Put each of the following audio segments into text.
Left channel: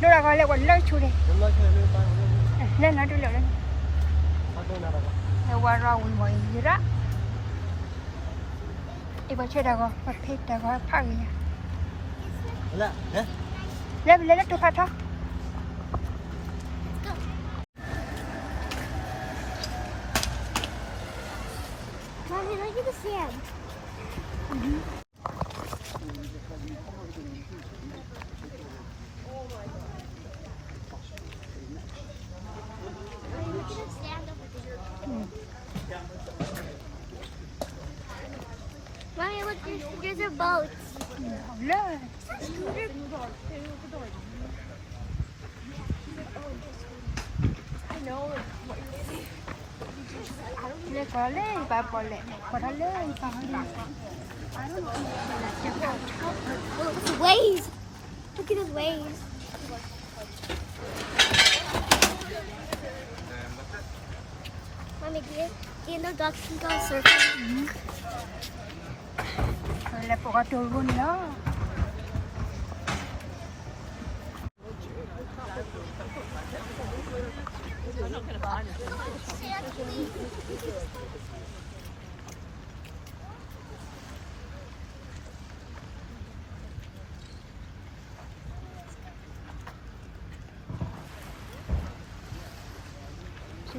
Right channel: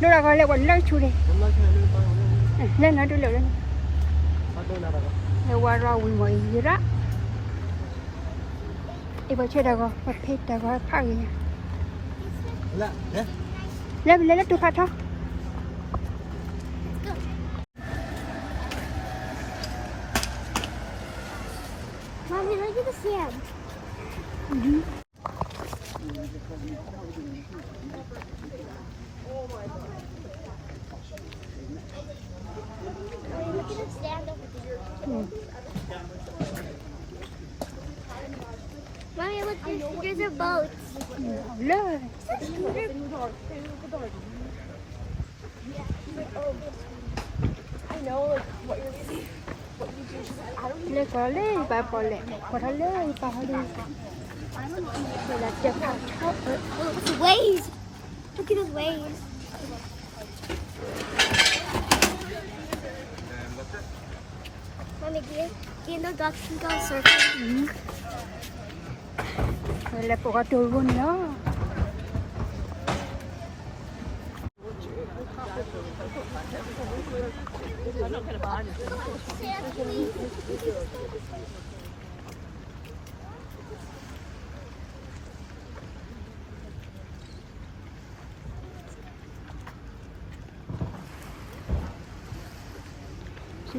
Nó gọi là còn lấy chú đi. Nhưng nó đi lượn. Nó qua rau người gì đó. Iba chưa đâu có, bật thịt đâu có phăng gì. Là, hả? Lấy tu khát thôi. Mommy, look at the sand. Look at the sand over there. Mommy, look, there's a boat. Lơ. I know, like, what you're... Lấy có lấy bà bỏ lẹ. Có lấy bà bỏ đi. Oh, it's waves. Look at those waves. Mommy, do you know ducks can go surfing? Rồi là có trù luôn đó.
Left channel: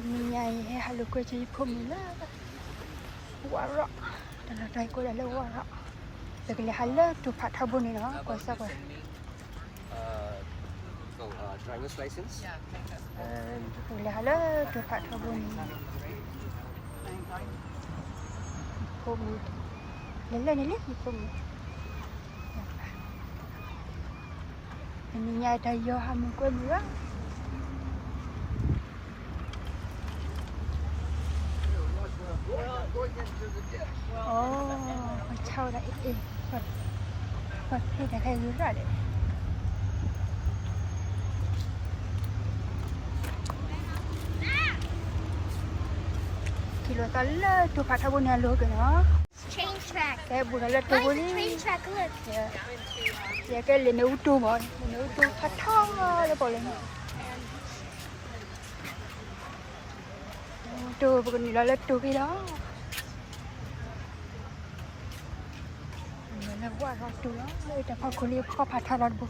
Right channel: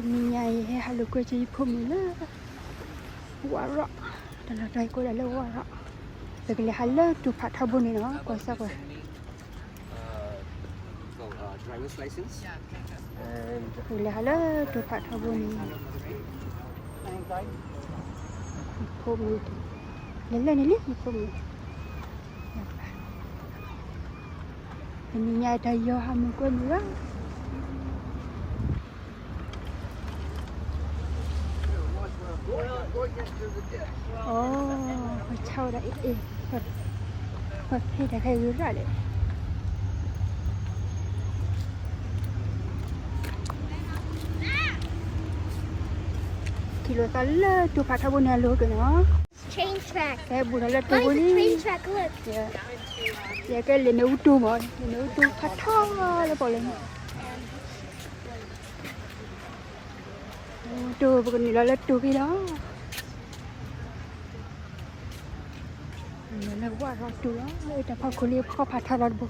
Mình nhảy hay được cái gì cũng muốn. Là tay của nó là vì hắn chụp phạt thabo này nó có sao vậy? Driver's license. Vì hắn chụp phạt thabo này. Ini ni ini ada yo hamu pun lah. Bicara itu, kita kayak gimana? Kilo kala tu kata guna lu tu. Train track. Ya bukan tu Mommy, guna. train track, look. Ya kan le nau tu lah, nau tu kata kalau. Tu bukan le tu ni lah. Tu kalau tu kata berdu.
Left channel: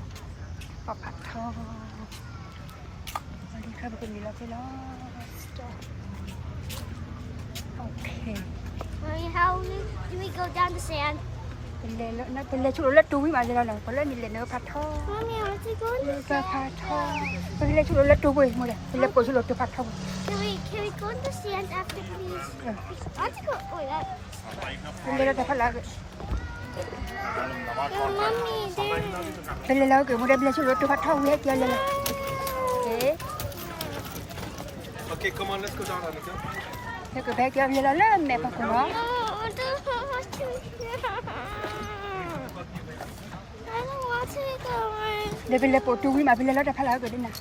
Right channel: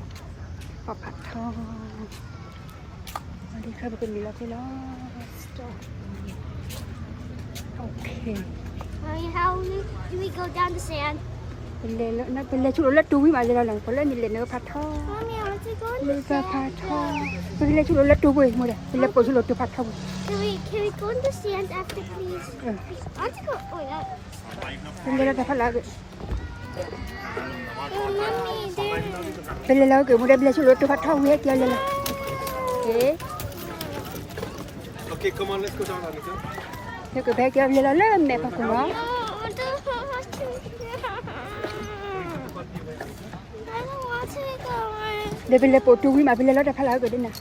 Kata. Itu bukan dia tu lah. Mommy, how can we go down the sand? Nó chỗ là túi mà nhưng mà có lẽ mình lên nó cắt thôi. Mommy, I want to go on the sand. Thì mình chỗ là túi rồi mà thì nó có chỗ là túi cắt thôi. Can we go on the sand after please? I want to go. Oh yeah. Mình là phải là Oh, Mommy, thì nó cũng đem lên chỗ là túi cắt thôi nhé kia này. Okay, come on, let's go down on it. Thế có thể cho mình là lấy mẹ phải cùng nhé. Để mình là tổ chung nhưng mà mình là nó đã thay đổi rồi đấy này.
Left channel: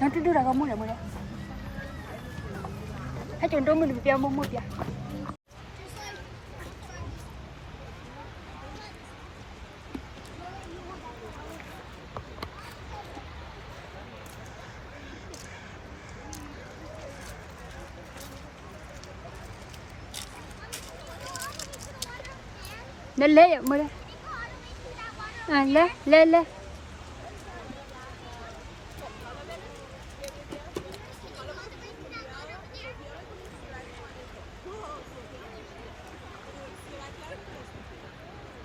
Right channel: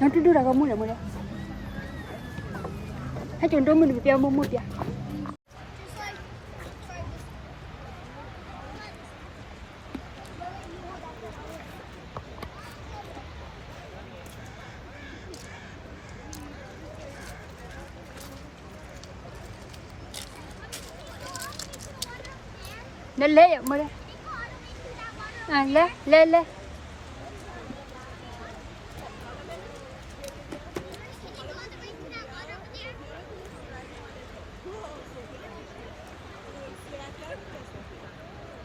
Nó đưa ra cái mũi này. Cái chuyện đó mình kêu mông mũi kìa. Lele mo đây. Lele.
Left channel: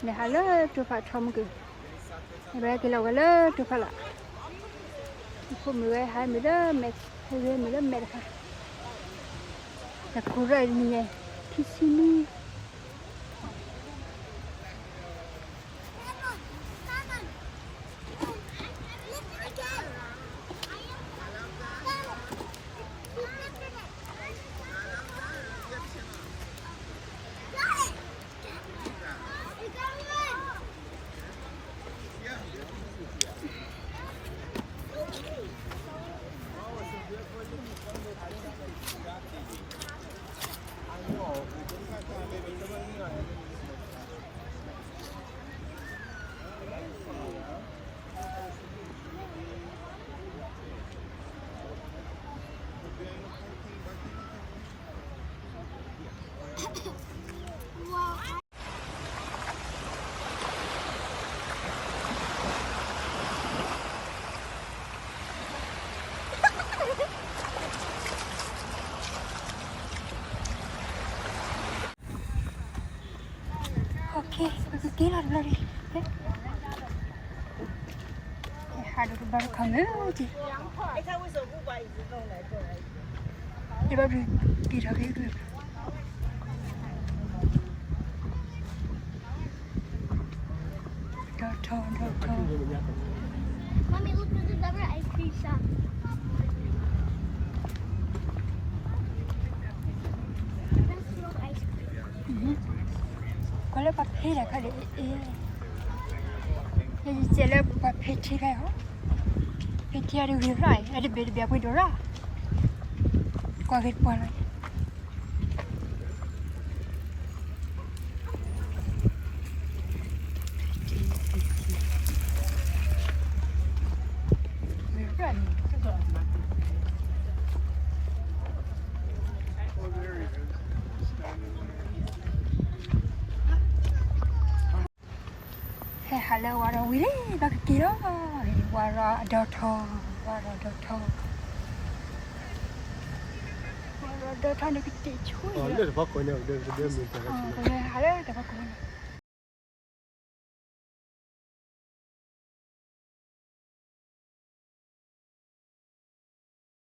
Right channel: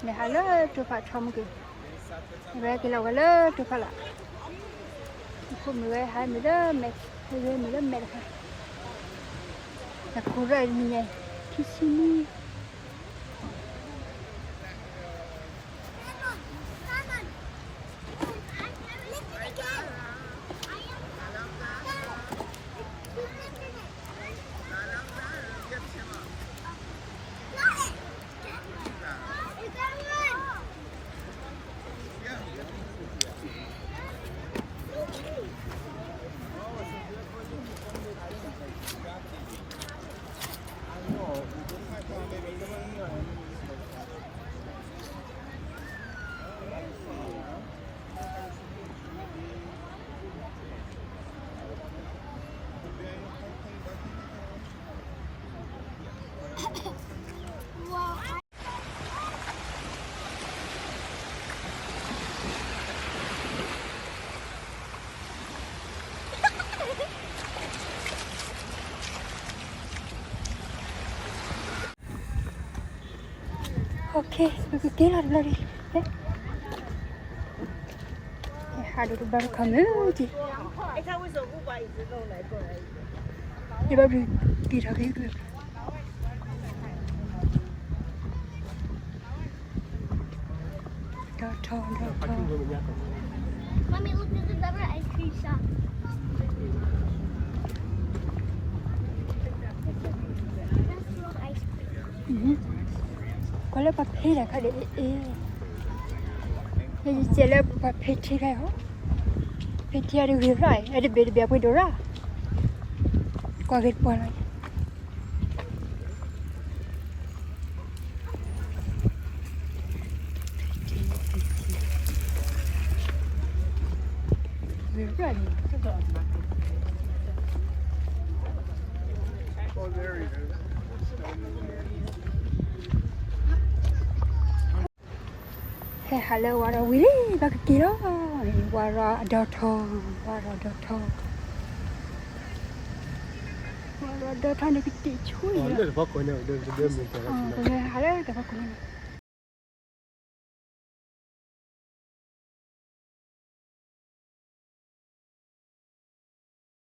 Nè halo tu phải chom kì. Bây giờ cái là tu phải. Không người hai mươi đó mẹ thôi rồi đó mẹ phải. Thật cú vậy mình nghe. Thứ xin Kita lagi. Ada beberapa kali lagi. Ini baru biru itu. Parking room in Japan. Mommy, look at the double entry shop. Kalau pakai lah ada ini. Ini jalan pakai cira. Pakai ada gua, ada beli apa dolar. Kau pun. Oh, there he is. Hello, what are we doing? Back here. Oh, look, fuck, I know. There's a damn interaction. Hello,